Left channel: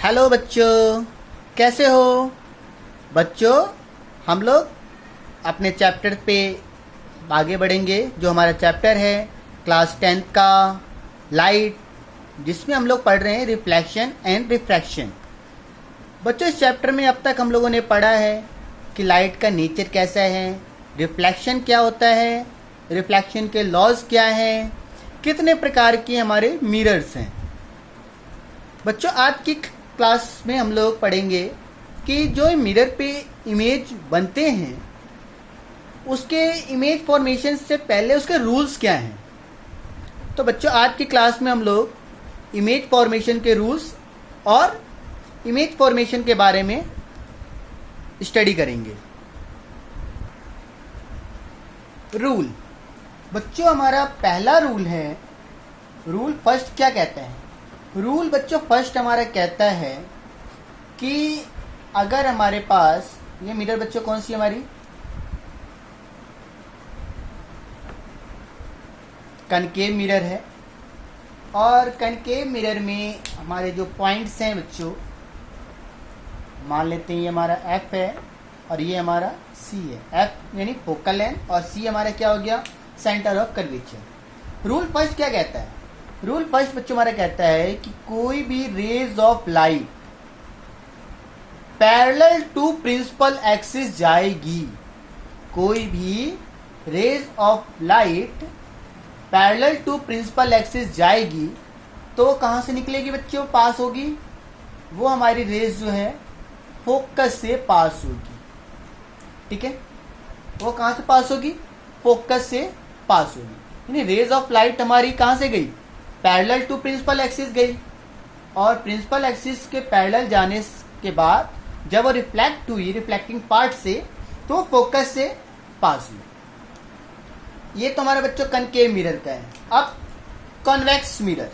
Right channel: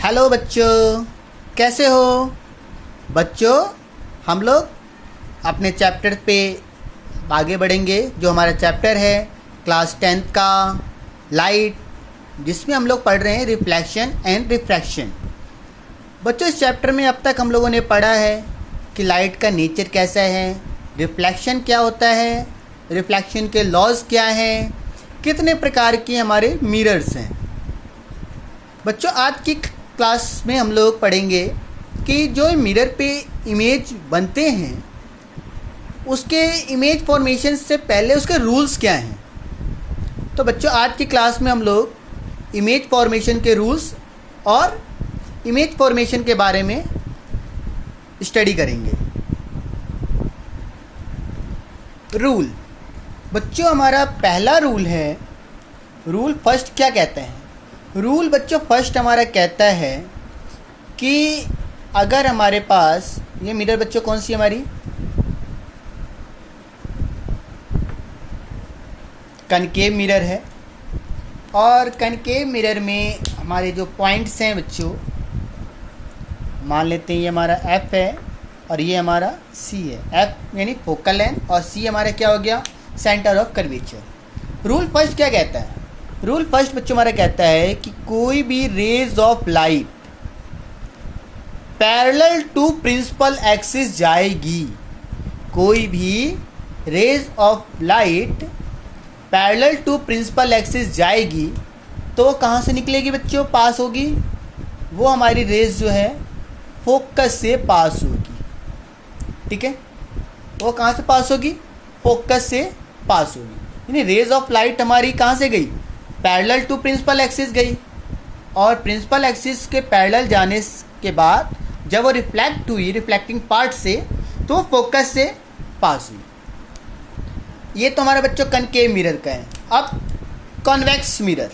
Hello बच्चों, कैसे हो बच्चों। हम लोग अपने चैप्टर पे आगे बढ़ेंगे। जो हमारा चैप्टर है क्लास 10th का लाइट, जिसमें हम लोग पढ़ रहे हैं रिफ्लेक्शन एंड रिफ्रैक्शन। बच्चों, इस चैप्टर में अब तक हम लोगों ने पढ़ा है कि लाइट का नेचर कैसा है, रिफ्लेक्शन क्या होता है, रिफ्लेक्शन के लॉज क्या हैं, कितने प्रकार के हमारे मिरर्स हैं। बच्चों, आज की क्लास में हम लोग पढ़ेंगे कि जो मिरर पे इमेज बनते हैं उसके इमेज फॉर्मेशन से पहले उसके रूल्स क्या हैं। तो बच्चों, आज की क्लास में हम लोग इमेज फॉर्मेशन के रूल्स और इमेज फॉर्मेशन के बारे में स्टडी करेंगे। रूल बच्चों, हमारा पहला रूल है, रूल फर्स्ट क्या कहते हैं। रूल बच्चों फर्स्ट हमारा कहता है कि अगर हमारे पास ये मिरर बच्चों कौन सी हमारी कनकेव मिरर है, और कनकेव मिरर में हमारे जो पॉइंट्स हैं बच्चों, मान लेते हैं ये हमारा एफ है और ये हमारा सी है। एफ यानी फोकल लेंथ और सी हमारा क्या हो गया, centre of curvature. Rule first क्या कहता है। रूल फर्स्ट बच्चों हमारा कहता है कि कोई भी rays of light parallel to principal axis जाएगी। कोई भी rays of light parallel to principal axis जाएगी तो कहाँ से निकलेगी बच्चों, पास होगी। वो हमारी रेज जो है फोकस से पास होगी। ठीक है, वो कहाँ से पास होगी, फोकस से पास होगी। यानी रेज ऑफ लाइट हमारी कहाँ से गई, पैरेलल टू प्रिंसिपल एक्सिस गई, और प्रिंसिपल एक्सिस के पैरेलल जाने के बाद जब वो रिफ्लेक्ट हुई रिफ्लेक्टिंग पार्ट से, तो वो फोकस से पास हुई। ये तो हमारा बच्चों कनकेव मिरर का है। अब कॉन्वेक्स मिरर,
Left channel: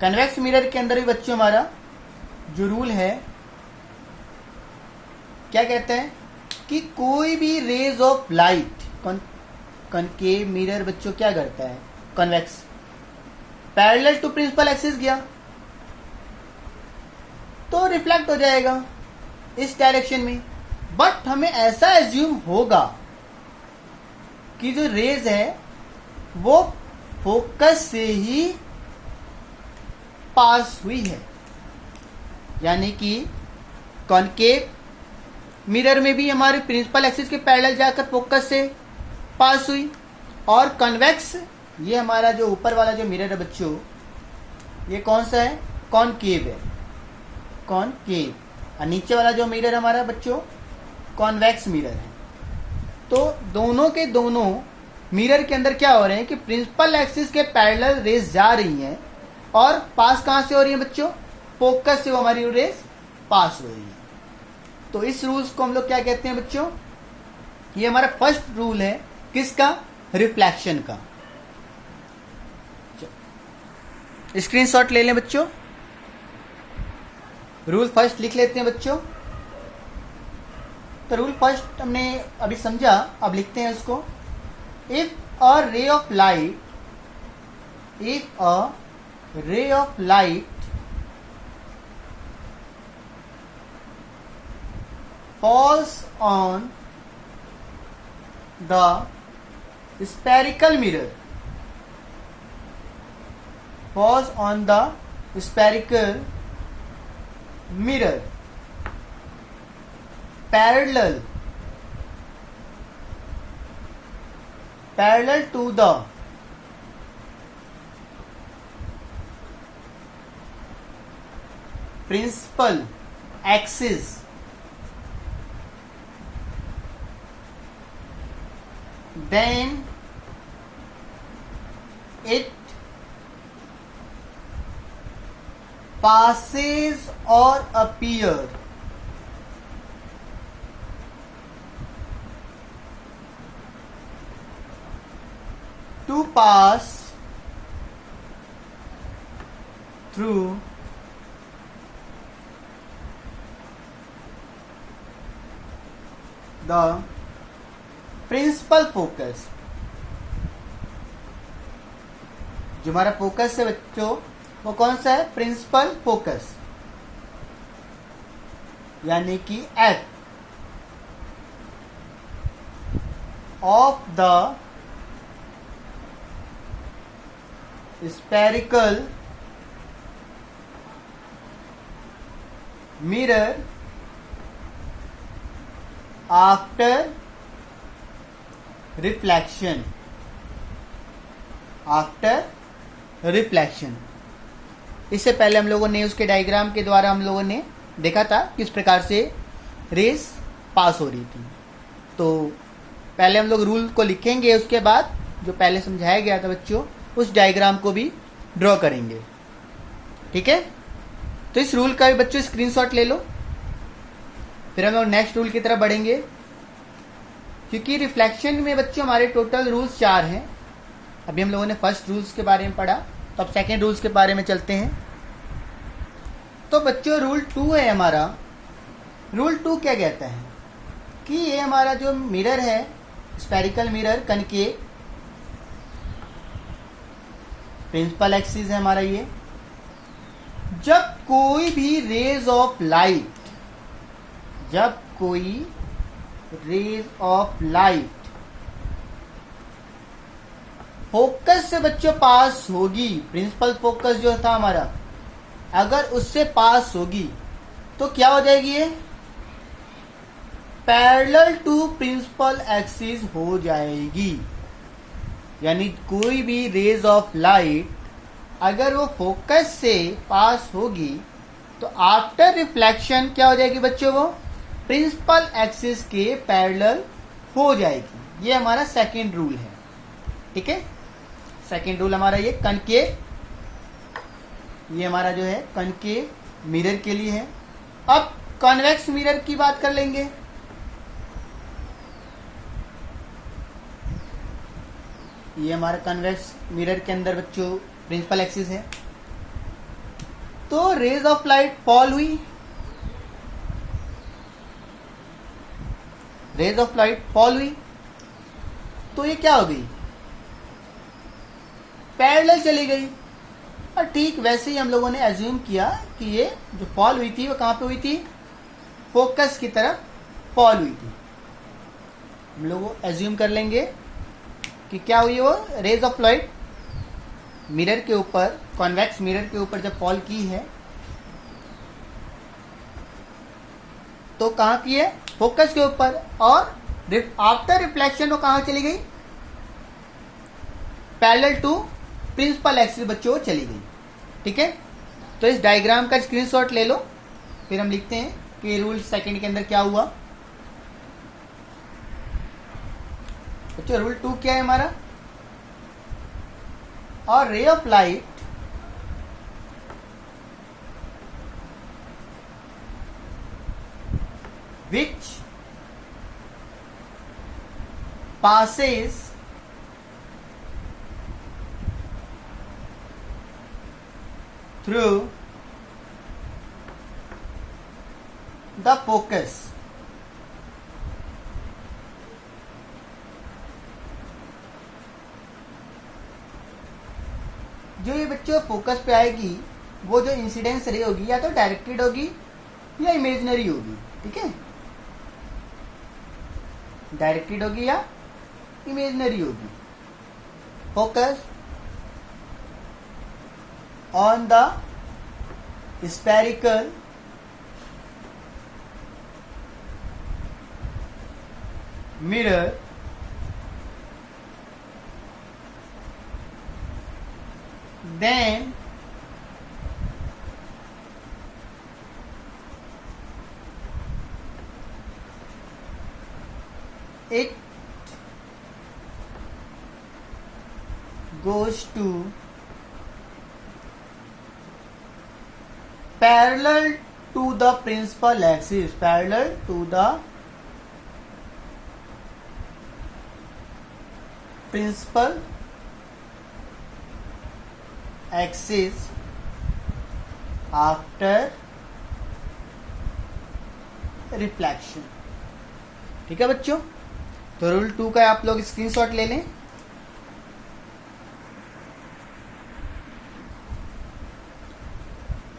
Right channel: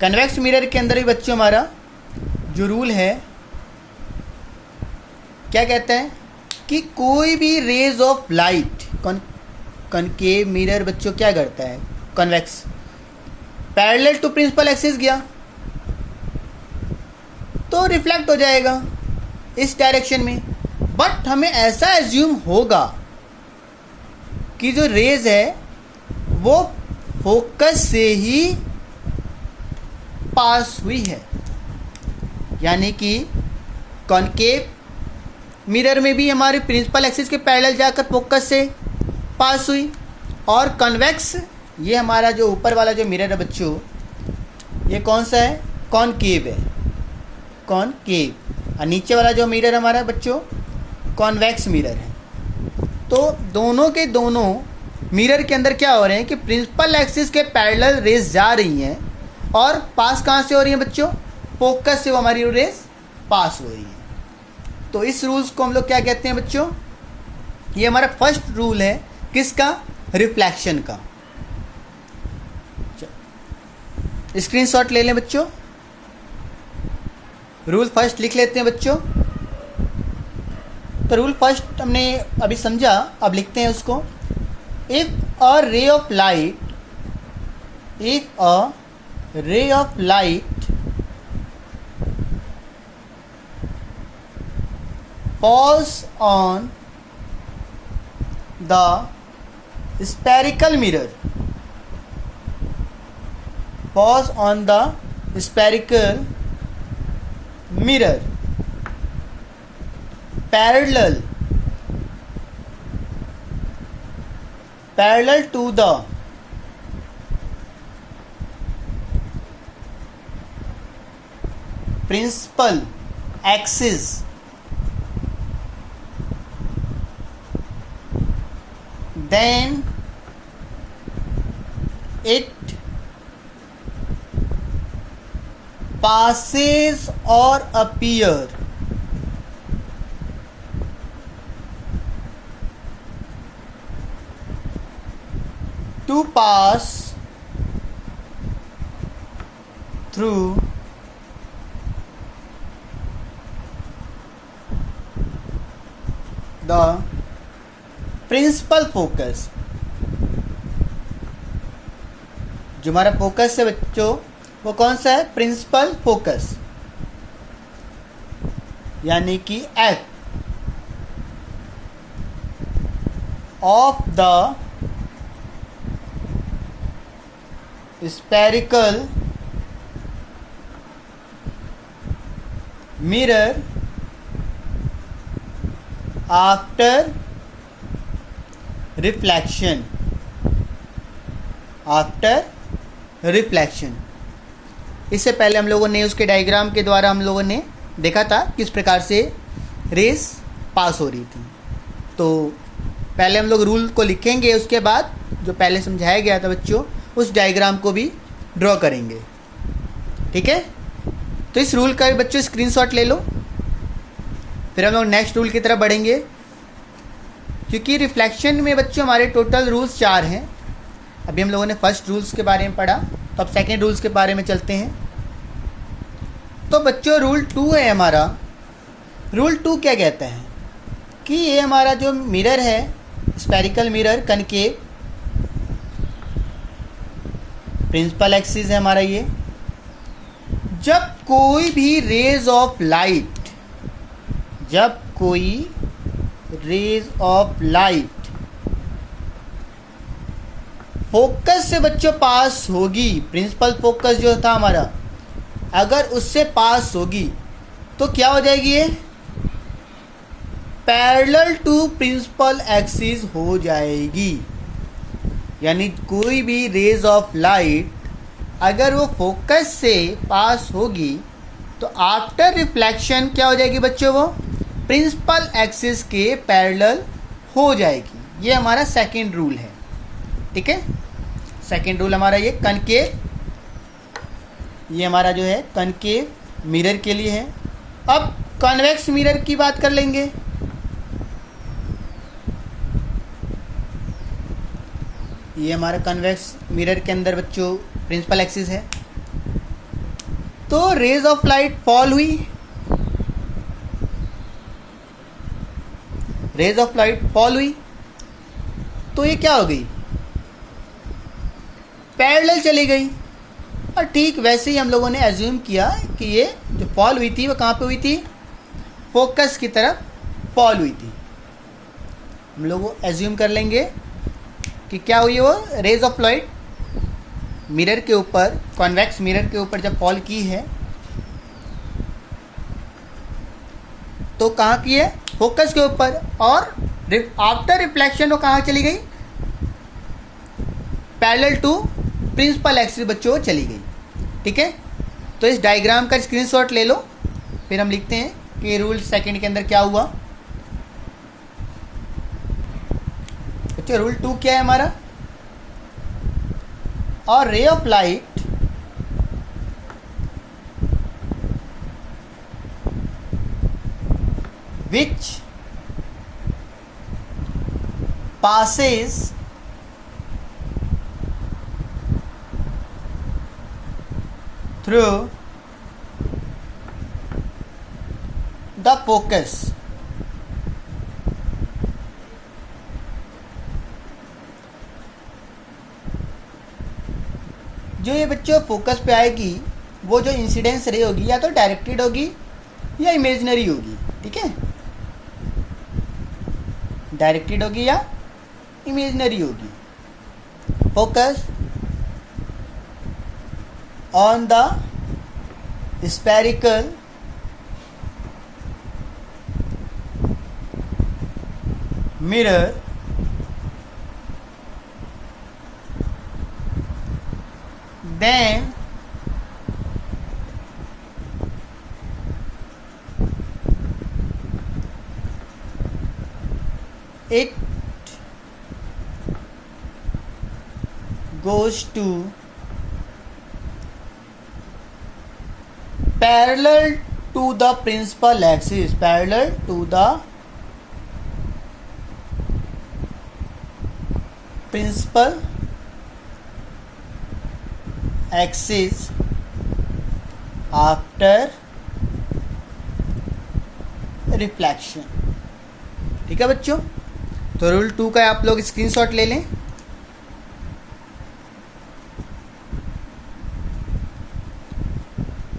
कन्वेक्स मिरर के अंदर भी बच्चों हमारा जो रूल है क्या कहता है कि कोई भी rays of light, concave mirror बच्चों क्या करता है, convex, parallel to principal axis गया तो रिफ्लेक्ट हो जाएगा इस डायरेक्शन में। बट हमें ऐसा एज्यूम होगा कि जो रेज है वो फोकस से ही पास हुई है, यानी कि कॉनकेव मिरर में भी हमारे प्रिंसिपल एक्सिस के पैरेलल जाकर फोकस से पास हुई, और कन्वेक्स ये हमारा जो ऊपर वाला जो मिरर है बच्चों, ये कौन सा है, कॉनकेव है, कॉनकेव। और नीचे वाला जो मिरर हमारा बच्चों कॉन्वेक्स मिरर है। तो दोनों के दोनों मिरर के अंदर क्या हो रहे हैं कि प्रिंसिपल एक्सिस के पैरेलल रेज जा रही हैं और पास कहाँ से हो रही हैं बच्चों, फोकस से वो हमारी रेज पास हो रही है। तो इस रूल्स को हम लोग क्या कहते हैं बच्चों, ये हमारा फर्स्ट रूल है किसका, रिफ्लेक्शन का। स्क्रीनशॉट ले लें बच्चों, रूल फर्स्ट लिख लेते हैं बच्चों। तो रूल फर्स्ट हमने अभी समझा, अब लिखते हैं उसको। If a ray of light, if a ray of light falls on the spherical mirror, falls on the spherical mirror parallel to the principal axis, then it passes or appear to pass through the principal focus, जो हमारा focus है बच्चों वो कौन सा है? Principal focus, यानी कि F of the spherical mirror after reflection. इससे पहले हम लोगों ने उसके डायग्राम के द्वारा हम लोगों ने देखा था किस प्रकार से रेस पास हो रही थी। तो पहले हम लोग रूल को लिखेंगे, उसके बाद जो पहले समझाया गया था बच्चों उस डायग्राम को भी ड्रॉ करेंगे। ठीक है, तो इस रूल का भी बच्चों स्क्रीनशॉट ले लो, फिर हम लोग नेक्स्ट रूल की तरफ बढ़ेंगे। क्योंकि रिफ्लेक्शन में बच्चों हमारे टोटल रूल्स 4 हैं। अभी हम लोगों ने फर्स्ट रूल्स के बारे में पढ़ा, तो अब सेकेंड रूल्स के बारे में चलते हैं। तो बच्चों रूल 2 है हमारा। रूल 2 क्या कहता है कि ये हमारा जो मिरर है, spherical mirror concave, principal axis है हमारा ये। जब कोई भी रेज ऑफ लाइट फोकस से बच्चों पास होगी, प्रिंसिपल फोकस जो था हमारा, अगर उससे पास होगी तो क्या हो जाएगी? ये पैरेलल टू प्रिंसिपल एक्सिस हो जाएगी। यानी कोई भी रेज ऑफ लाइट अगर वो फोकस से पास होगी तो आफ्टर रिफ्लेक्शन क्या हो जाएगी बच्चों? वो प्रिंसिपल एक्सिस के पैरेलल हो जाएगी। ये हमारा सेकेंड रूल है। ठीक है, सेकेंड रूल हमारा ये कनकेव, ये हमारा जो है कनकेव मिरर के लिए है। अब कॉन्वेक्स मिरर की बात कर लेंगे। ये हमारा कन्वेक्स मिरर के अंदर बच्चों प्रिंसिपल एक्सिस है। तो रेज ऑफ लाइट फॉल हुई, तो ये क्या हो गई? पैरेलल चली गई। और ठीक वैसे ही हम लोगों ने एज्यूम किया कि ये जो फॉल हुई थी वो कहाँ पे हुई थी? फोकस की तरफ फॉल हुई थी। हम लोग एज्यूम कर लेंगे कि क्या हुई? वो रेज ऑफ लाइट मिरर के ऊपर, कॉन्वेक्स मिरर के ऊपर जब फॉल की है तो कहाँ की है? फोकस के ऊपर। और आफ्टर रिफ्लेक्शन वो कहाँ चली गई? पैरेलल टू प्रिंसिपल एक्सिस बच्चों चली गई। ठीक है, तो इस डायग्राम का स्क्रीनशॉट ले लो, फिर हम लिखते हैं कि रूल सेकंड के अंदर क्या हुआ। बच्चों रूल 2 क्या है हमारा? और ray of light which passes through the focus जो ये बच्चों फोकस पे आएगी वो जो इंसिडेंस रे होगी या तो डायरेक्टेड होगी या इमेजिनरी होगी। ठीक है, डायरेक्टेड होगी या इमेजिनरी होगी। Focus on the spherical mirror then it goes to parallel to the principal axis, parallel to the principal axis after reflection. ठीक है बच्चों, तो रूल 2 का आप लोग स्क्रीनशॉट ले लें।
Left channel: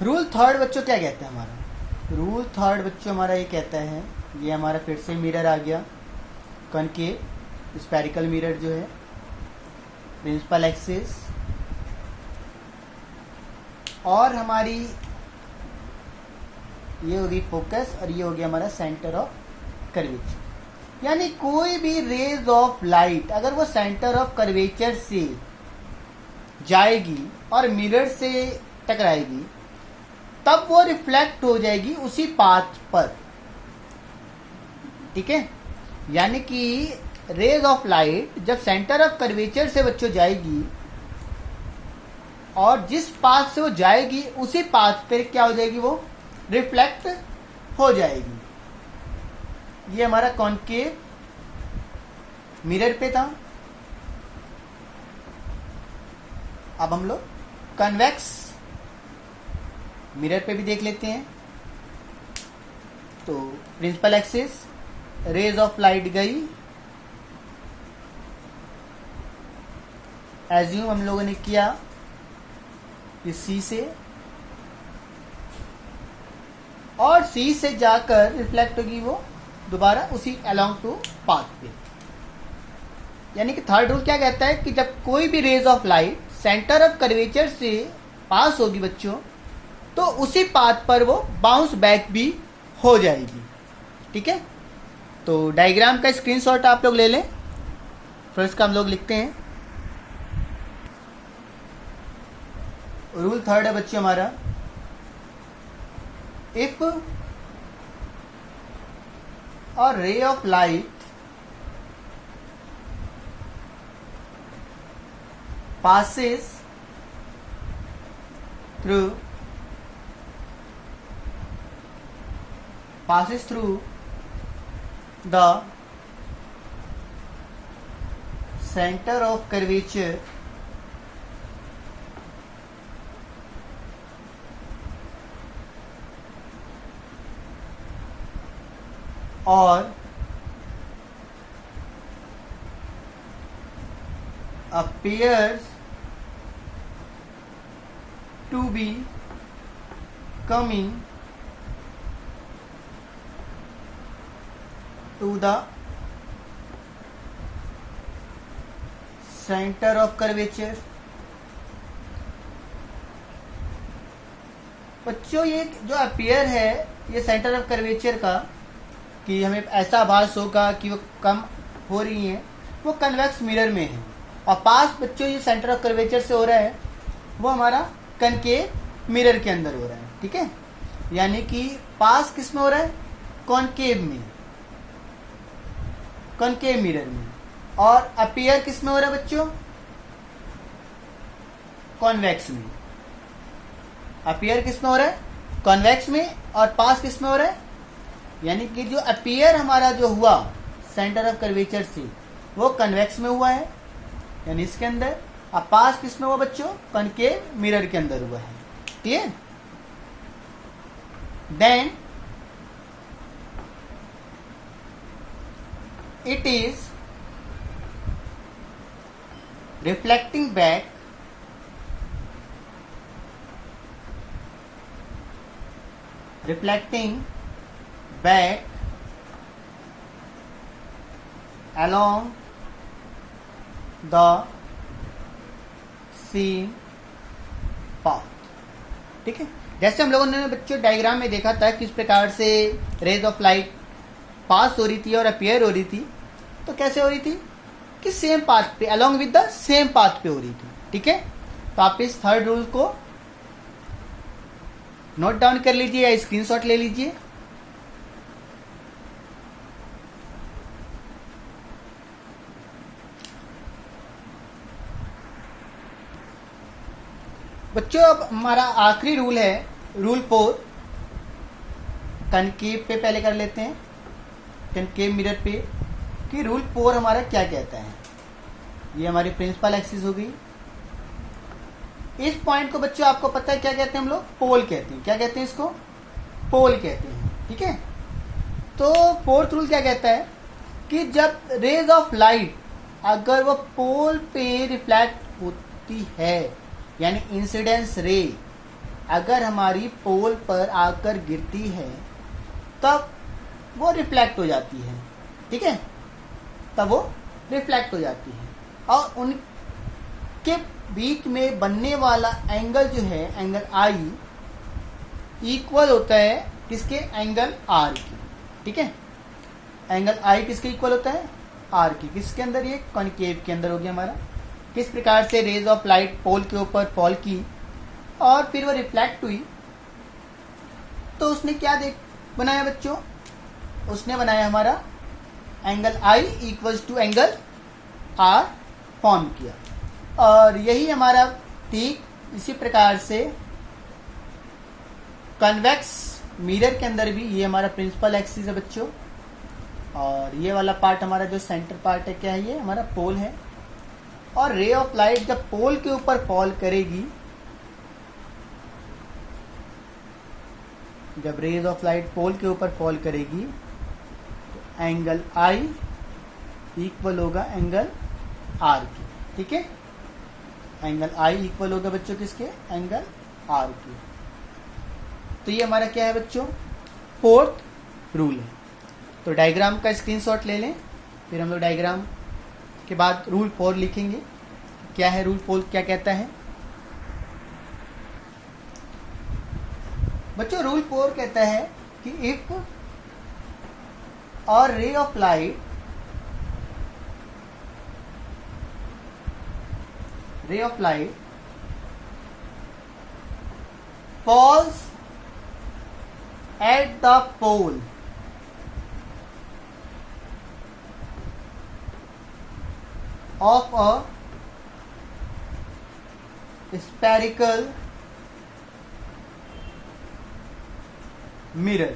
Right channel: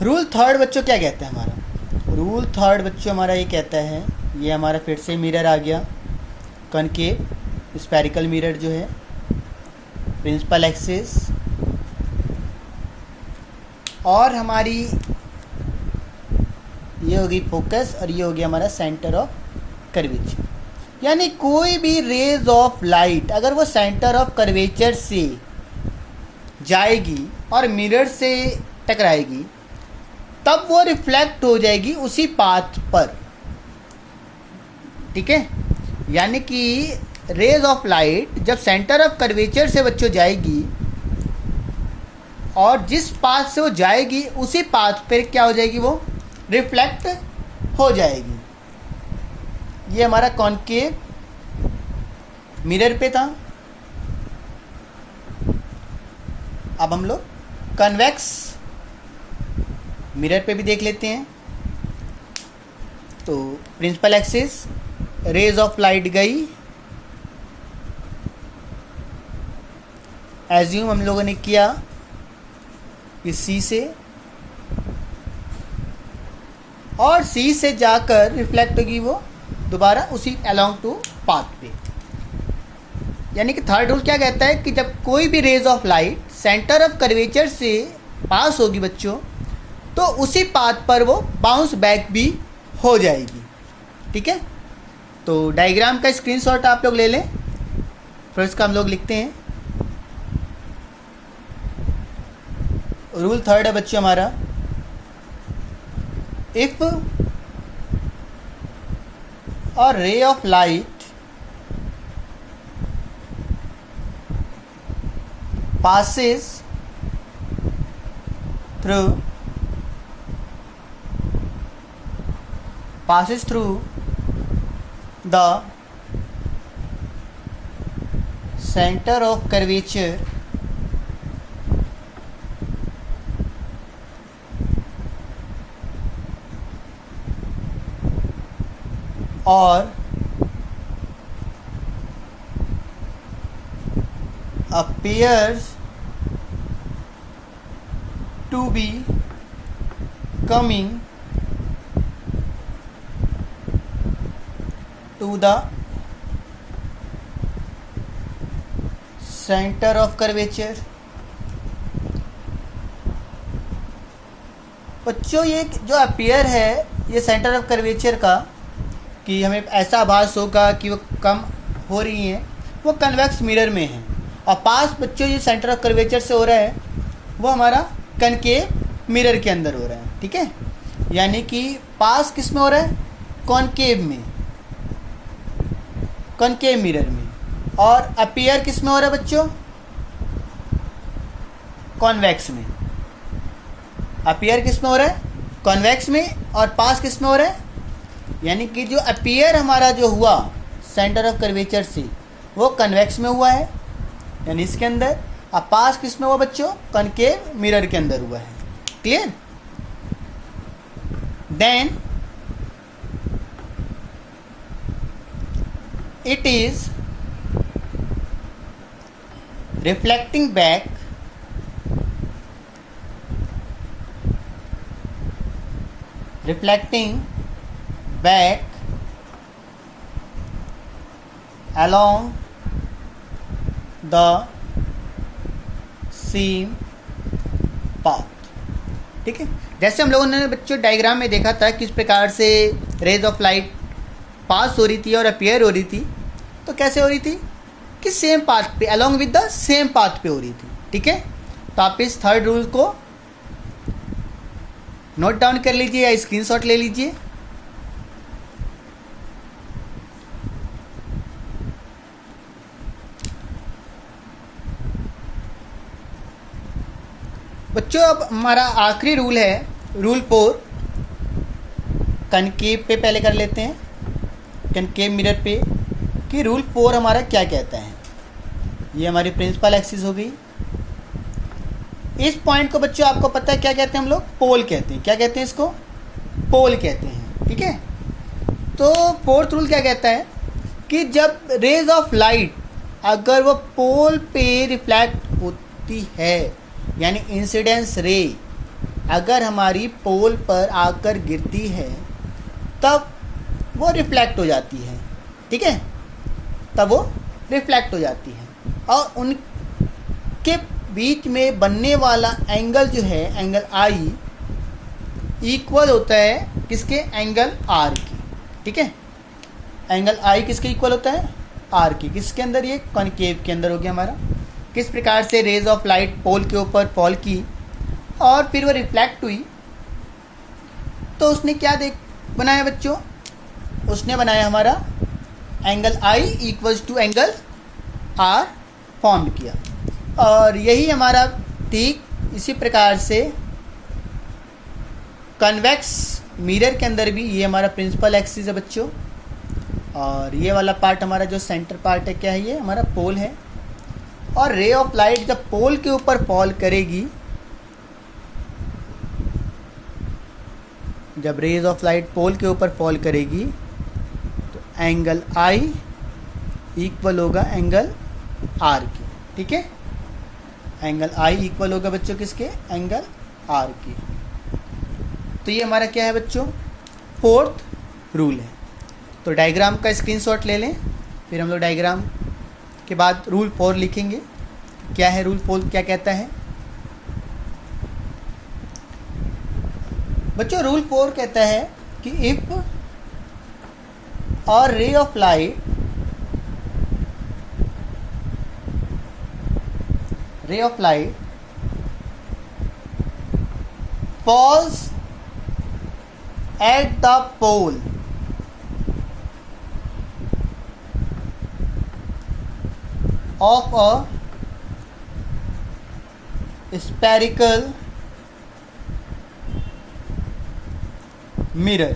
रूल थर्ड बच्चों क्या कहता है हमारा? रूल थर्ड बच्चों हमारा ये कहता है, ये हमारा फिर से मिरर आ गया, कनकेव स्फेरिकल मिरर जो है, प्रिंसिपल एक्सिस और हमारी ये होगी फोकस और ये हो गया हमारा सेंटर ऑफ कर्वेचर। यानी कोई भी रेज ऑफ लाइट अगर वो सेंटर ऑफ कर्वेचर से जाएगी और मिरर से टकराएगी तब वो रिफ्लेक्ट हो जाएगी उसी पाथ पर, ठीक है। यानी कि रेज ऑफ लाइट जब सेंटर ऑफ कर्वेचर से बच्चों जाएगी और जिस पाथ से वो जाएगी उसी पाथ पर क्या हो जाएगी, वो रिफ्लेक्ट हो जाएगी। ये हमारा कॉनकेव मिरर पे था। अब हम लोग कन्वेक्स मिरर पे भी देख लेते हैं। तो principal axis, rays of light गई, एज्यूम हम लोगों ने किया कि सी से, और सी से जाकर रिफ्लेक्ट होगी वो दोबारा उसी अलोंग टू पाथ पे। यानी कि थर्ड रूल क्या कहता है कि जब कोई भी rays of light centre of curvature से पास होगी बच्चों तो उसी पाथ पर वो बाउंस बैक भी हो जाएगी, ठीक है। तो डायग्राम का स्क्रीनशॉट आप लोग ले लें, फिर इसका हम लोग लिखते हैं। रूल थर्ड है बच्चों हमारा, if a ray of light passes through the center of curvature or appears to be coming to the center of curvature। बच्चों ये जो अपीयर है ये सेंटर ऑफ कर्वेचर का, कि हमें ऐसा आभास होगा कि वो कम हो रही हैं, वो कन्वेक्स मिरर में है। और पास बच्चों ये सेंटर ऑफ कर्वेचर से हो रहा है वो हमारा कनकेव मिरर के अंदर हो रहा है, ठीक है। यानी कि पास किस में हो रहा है, कॉनकेव में, कॉनकेव मिरर में। और अपीयर किस में हो रहा है बच्चों, कॉन्वेक्स में। अपीयर किस में हो रहा है, कॉन्वेक्स में, और पास किस में हो रहा है, यानी कि जो अपीयर हमारा जो हुआ सेंटर ऑफ कर्वेचर से वो कन्वेक्स में हुआ है, यानी इसके अंदर। अब पास किस में हुआ बच्चों, कनकेव मिरर के अंदर हुआ है, clear. Then it is reflecting back along the same path, ठीक है। जैसे हम लोगों ने बच्चों डायग्राम में देखा था किस प्रकार से रेज ऑफ लाइट पास हो रही थी और अपीयर हो रही थी, तो कैसे हो रही थी कि सेम पाथ पे, along with the same path पे हो रही थी, ठीक है। तो आप इस थर्ड रूल को नोट डाउन कर लीजिए या स्क्रीनशॉट ले लीजिए। बच्चों अब हमारा आखिरी रूल है, रूल 4, कनकेव पे पहले कर लेते हैं, कनकेव मिरर पे, कि रूल 4 हमारा क्या कहता है। ये हमारी प्रिंसिपल एक्सिस हो गई। इस पॉइंट को बच्चों आपको पता है क्या कहते हैं हम लोग, पोल कहते हैं। क्या कहते हैं इसको, पोल कहते हैं, ठीक है। तो फोर्थ रूल क्या कहता है कि जब रेज ऑफ लाइट अगर वो पोल पे रिफ्लेक्ट होती है, यानी इंसिडेंस रे अगर हमारी पोल पर आकर गिरती है तब वो रिफ्लेक्ट हो जाती है, ठीक है, तब वो रिफ्लेक्ट हो जाती है। और उनके बीच में बनने वाला एंगल जो है, एंगल आई, इक्वल होता है किसके, एंगल आर की, ठीक है। एंगल आई किसके इक्वल होता है, आर की। किसके अंदर, ये कॉनकेव के अंदर हो गया हमारा। किस प्रकार से रेज ऑफ लाइट पोल के ऊपर फॉल की और फिर वो रिफ्लेक्ट हुई, तो उसने क्या बनाया बच्चों, उसने बनाया हमारा angle I equals to angle R form किया। और यही हमारा ठीक इसी प्रकार से कन्वेक्स मिरर के अंदर भी ये हमारा प्रिंसिपल एक्सिस है बच्चों। और ये वाला पार्ट हमारा जो सेंटर पार्ट है, क्या है, ये हमारा पोल है। और रे ऑफ लाइट जब पोल के ऊपर फॉल करेगी, जब रेज ऑफ लाइट पोल के ऊपर फॉल करेगी तो एंगल आई इक्वल होगा एंगल आर की, ठीक है। एंगल आई इक्वल होगा बच्चों किसके, एंगल आर की। तो ये हमारा क्या है बच्चों, फोर्थ रूल है। तो डायग्राम का स्क्रीनशॉट ले लें, फिर हम लोग डायग्राम के बाद रूल 4 लिखेंगे। क्या है रूल 4, क्या कहता है बच्चों। रूल 4 कहता है कि इफ और ray of light falls at the pole of a spherical mirror,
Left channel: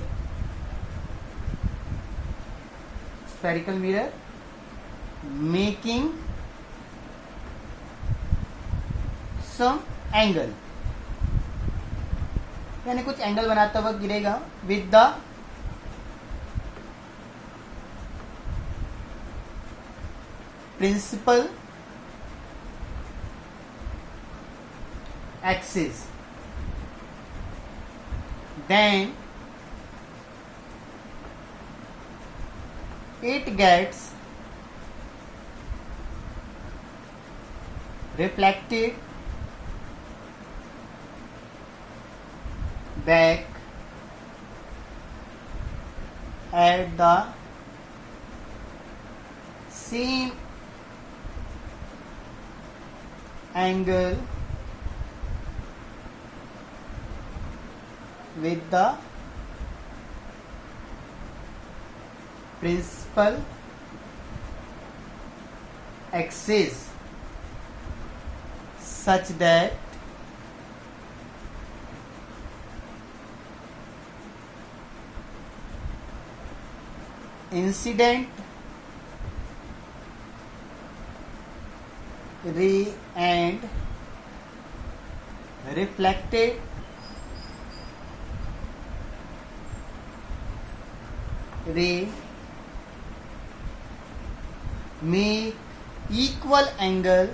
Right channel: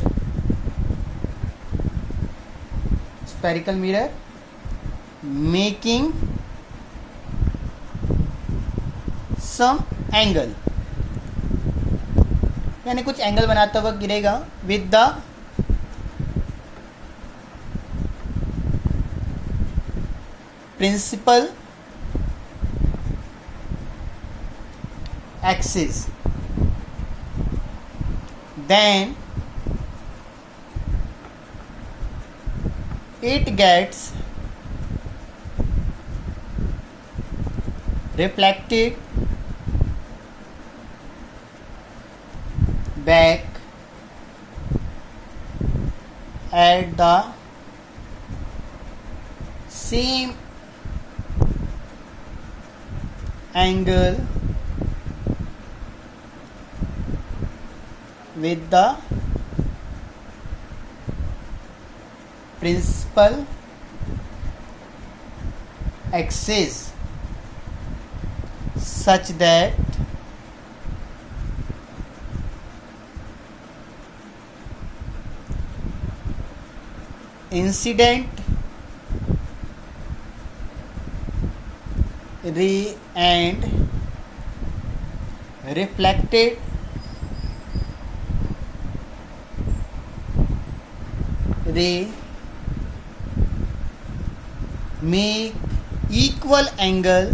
making some angle, यानी कुछ एंगल बनाता हुआ गिरेगा with the principal axis, then it gets reflected back at the same angle with the principal axis such that incident ray and reflected ray make equal angle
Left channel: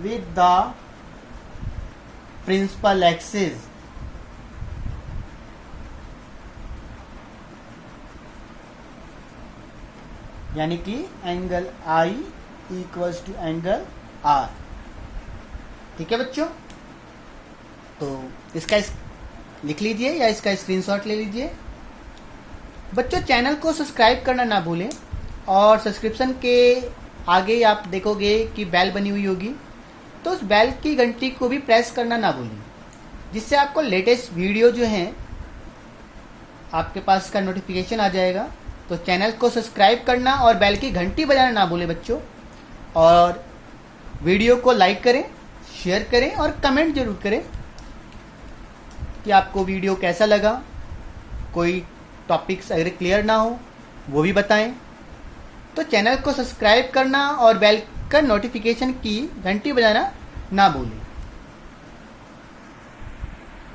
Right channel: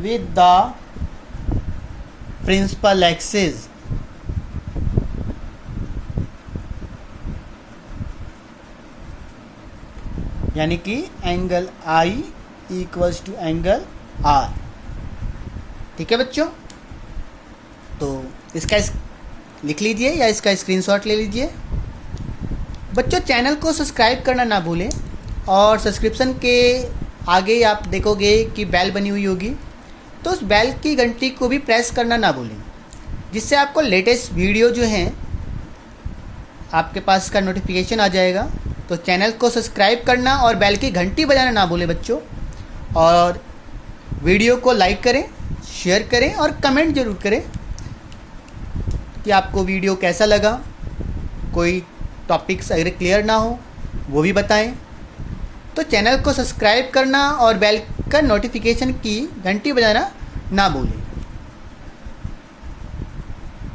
with the principal axis, यानी कि angle I equals to angle R। ठीक है बच्चों, तो इसका लिख लीजिए या इसका स्क्रीनशॉट ले लीजिए। बच्चों चैनल को सब्सक्राइब करना ना भूलें और सब्सक्रिप्शन के आगे आप देखोगे कि बेल बनी हुई होगी, तो उस बेल की घंटी को भी प्रेस करना ना भूलें, जिससे आपको लेटेस्ट वीडियो जो हैं आपके पास का नोटिफिकेशन आ जाएगा। तो चैनल को सब्सक्राइब करना और बेल की घंटी बजाना ना भूलें बच्चों। और वीडियो को लाइक करें, शेयर करें और कमेंट ज़रूर करें कि आपको वीडियो कैसा लगा। कोई टॉपिक्स अगर क्लियर ना हो वो भी बताएं। तो चैनल को सब्सक्राइब करना और बेल का नोटिफिकेशन की घंटी बजाना ना भूलें।